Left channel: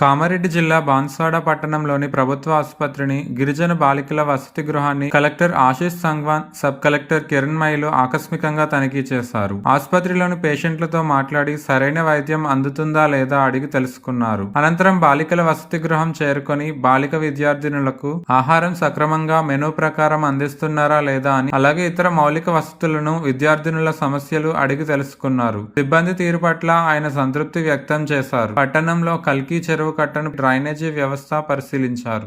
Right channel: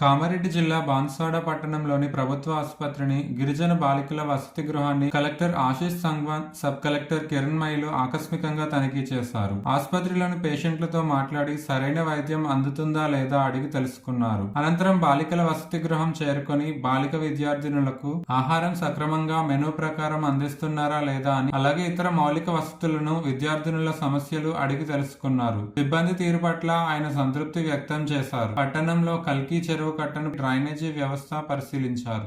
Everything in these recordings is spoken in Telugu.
కామారెడ్డి జిల్లా బాన్స్వాడ పట్టణంలోని ప్రభుత్వ ఆసుపత్రిని, గిరిజన బాలికల వసతి గృహాన్ని collector Ashish Sangwan, sub collector కిరణ్మయిలు ఆకస్మికంగా తనిఖీ చేశారు. ఆసుపత్రిలోని పేషెంట్లతో మాట్లాడి సరైన వైద్యం అందుతుందా లేదా అడిగి తెలుసుకున్నారు. అనంతరం బాలికల వసతి గృహం చేరుకొని బాలిక విద్యార్థినులకు ఆహారం సక్రమంగా మెనూ ప్రకారం అందిస్తున్నారా లేదా అని, అలాగే ఇతర మౌలిక వసతులను, విద్యార్థినుల సమస్యలు అడిగి తెలుసుకున్నారు. సిబ్బంది తీరు పట్ల ఆయన సంతృప్తి వ్యక్తం చేశారు. పట్టణంలో కల్కి చెరువు కట్టను డ్రైనేజీ వ్యవస్థ పరిశీలించారు.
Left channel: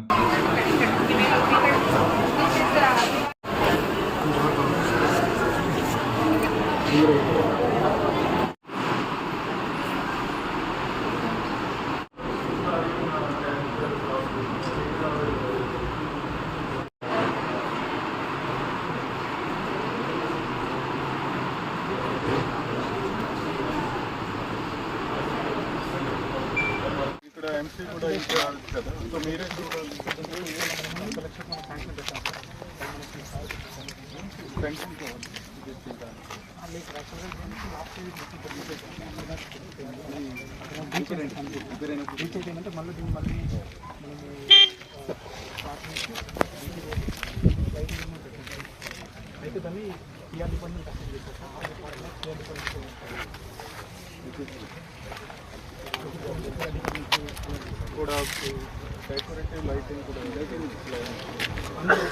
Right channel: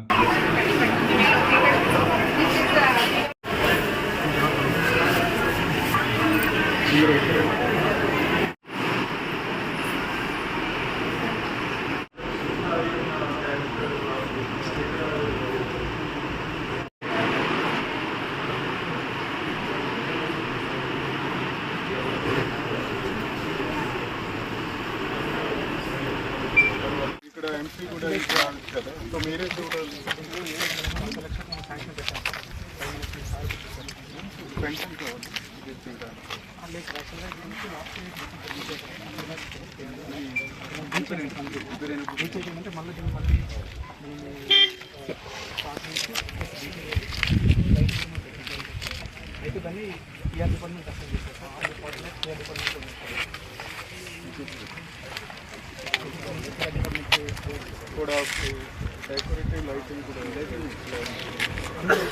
ఎంసీ కూడా కదా, సో మీరే చూడాలి. పెన్షన్ కావాలి అంటే మళ్ళీ దీన్ని మళ్ళీ అయితే దాన్ని టీఆర్ డిపార్ట్మెంట్ అసెస్ చేస్తారు సార్. ఆ డిపార్ట్మెంట్ టీఆర్ డిపార్ట్మెంట్ కూడా డెకరేటివ్ లైటింగ్ కూడా అందులో